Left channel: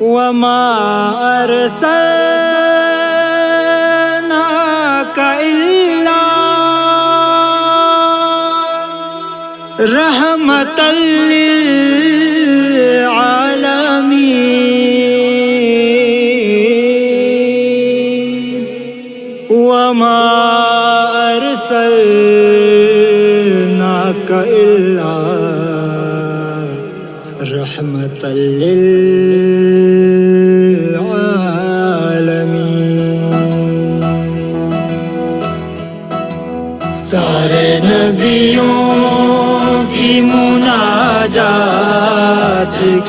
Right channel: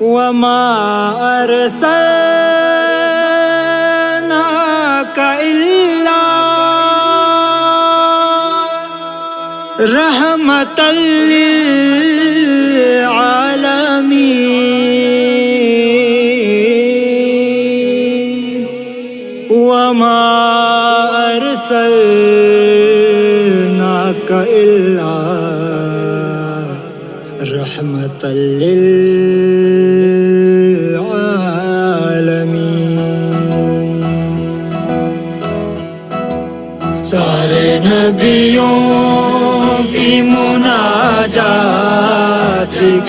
وما أرسلناك إلا رحمة للعالمين وما أرسلناك إلا رحمة للعالمين. سارے نبیوں کی مناجات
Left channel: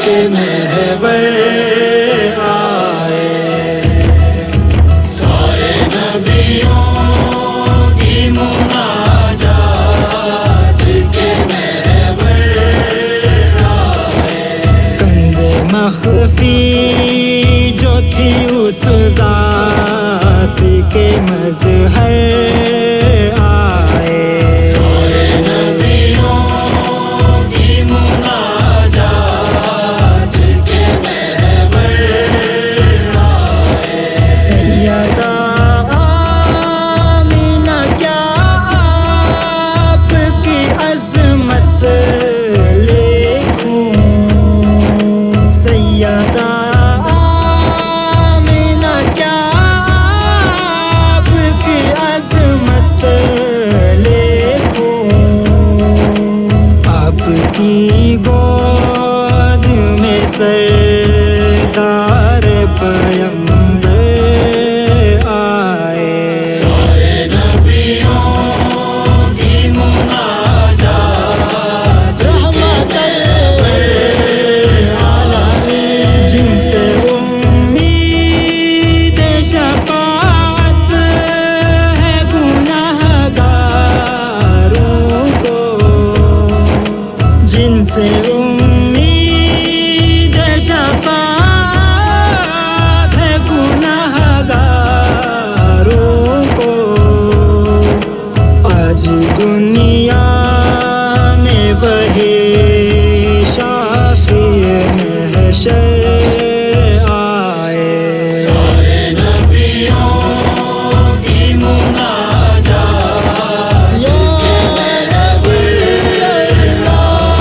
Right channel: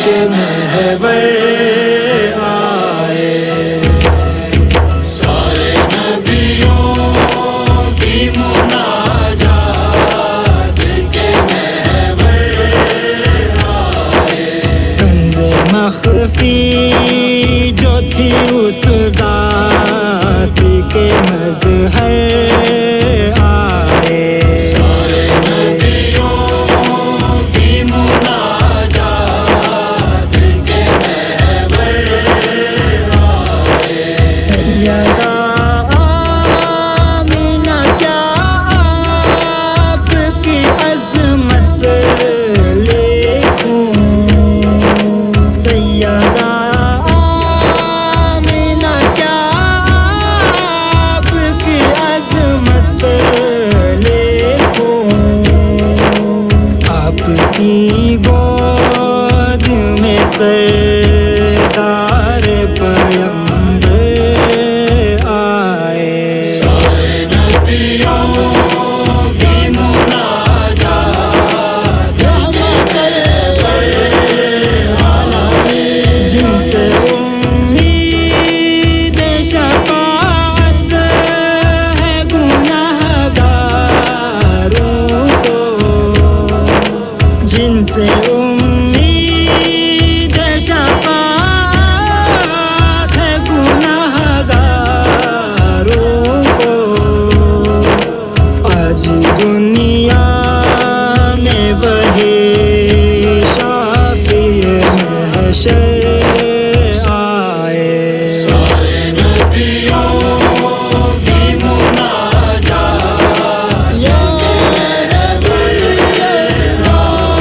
کے محور آئے، سارے نبیوں کی مناجات کے محور آئے، کنز مخفی جو تھی اس ذات کے مظہر آئے، سارے نبیوں کی مناجات کے محور آئے، سیدہ آمینہ کیا آپ کی عظمت لکھوں، سیدہ آمینہ کیا آپ کی عظمت لکھوں، آپ کی گود میں سردار پیمبر آئے، سارے نبیوں کی مناجات رحمت للعالمین، جن سے امید شفاعت ہے گناہگاروں کو، جن سے امید شفاعت ہے گناہگاروں کو، آج دنیا میں وہی شافی محشر آئے، سارے نبیوں کی مناجات یا نبی اللہ،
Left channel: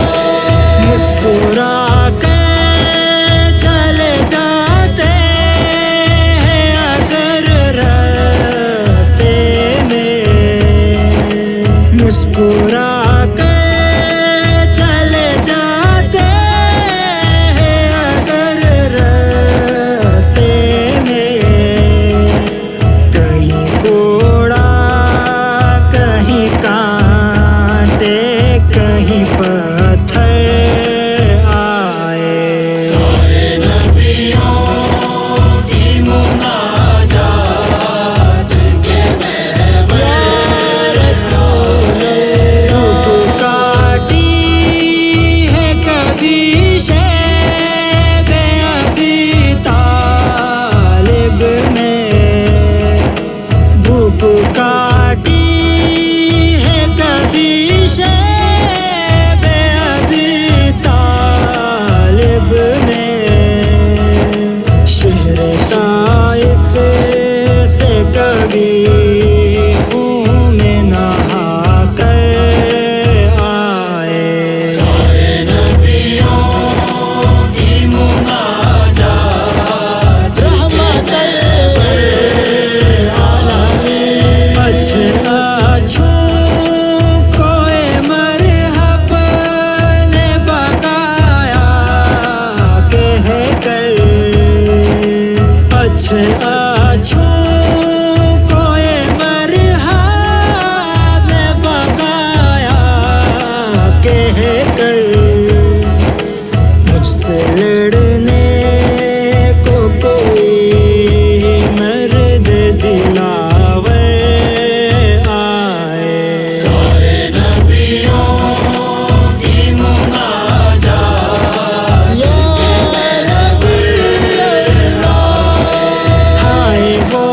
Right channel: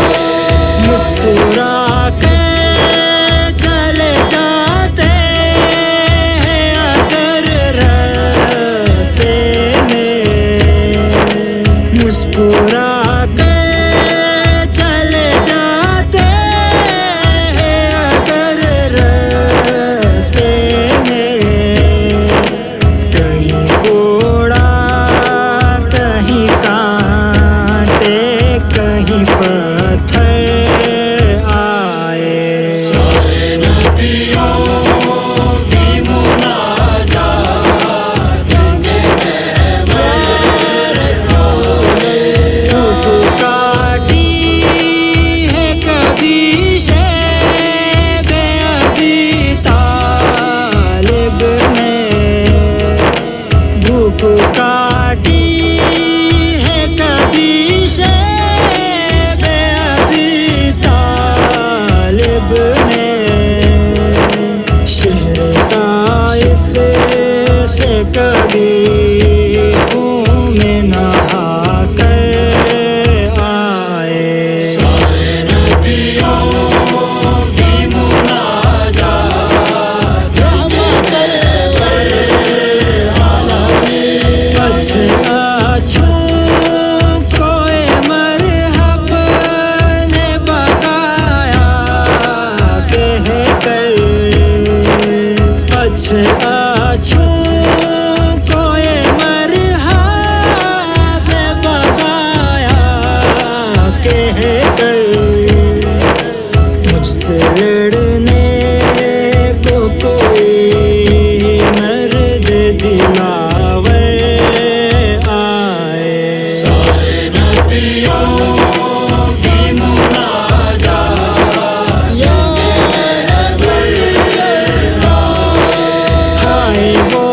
مسکرا کے چلے جاتے ہیں اگر راستے میں، مسکرا کے چلے جاتے ہیں اگر راستے میں، کہیں کوڑا کہیں کانٹے کہیں پتھر آئے، سارے نبیوں کی مناجات کے محور تو کاٹی ہے کبھی شیب ابی طالب نے، بھوک کاٹی ہے کبھی شیب ابی طالب نے، شہر طائف سے کبھی خون میں نہا کر آئے، سارے نبیوں کی مناجات رحمت للعالمین، اچھے اچھوں کو مرحب نے بقایا کہہ کر، اچھے اچھوں کو مرحب نے بقایا کہہ کر، مجھ سے لڑنے کو کوئی مرد دلاور آئے، سارے نبیوں کی مناجات یا نبی اللہ، ہائے وہ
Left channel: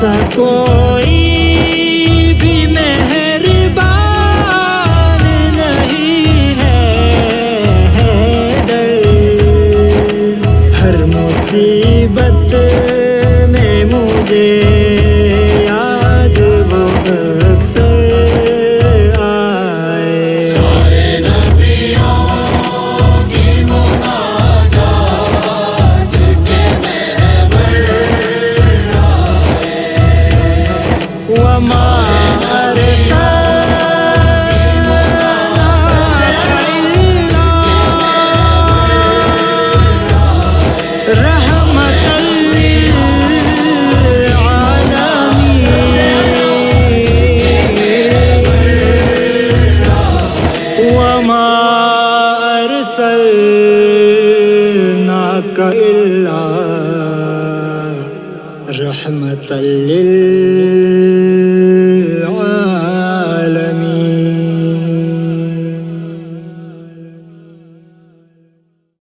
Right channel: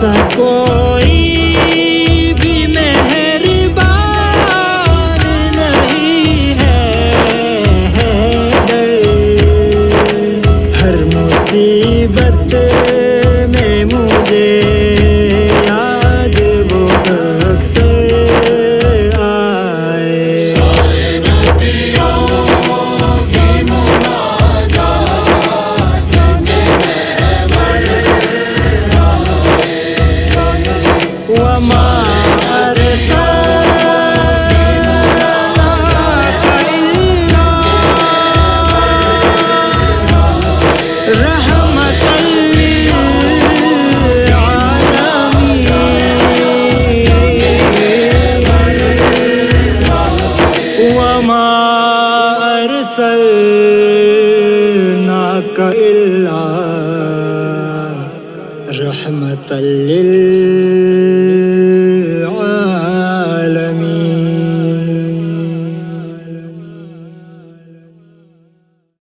جیسا کوئی بھی مہربان نہیں ہے حیدر، ہر مصیبت میں مجھے یاد وہ اکثر وما أرسلناك إلا رحمة للعالمين وما أرسلناك إلا رحمة للعالمين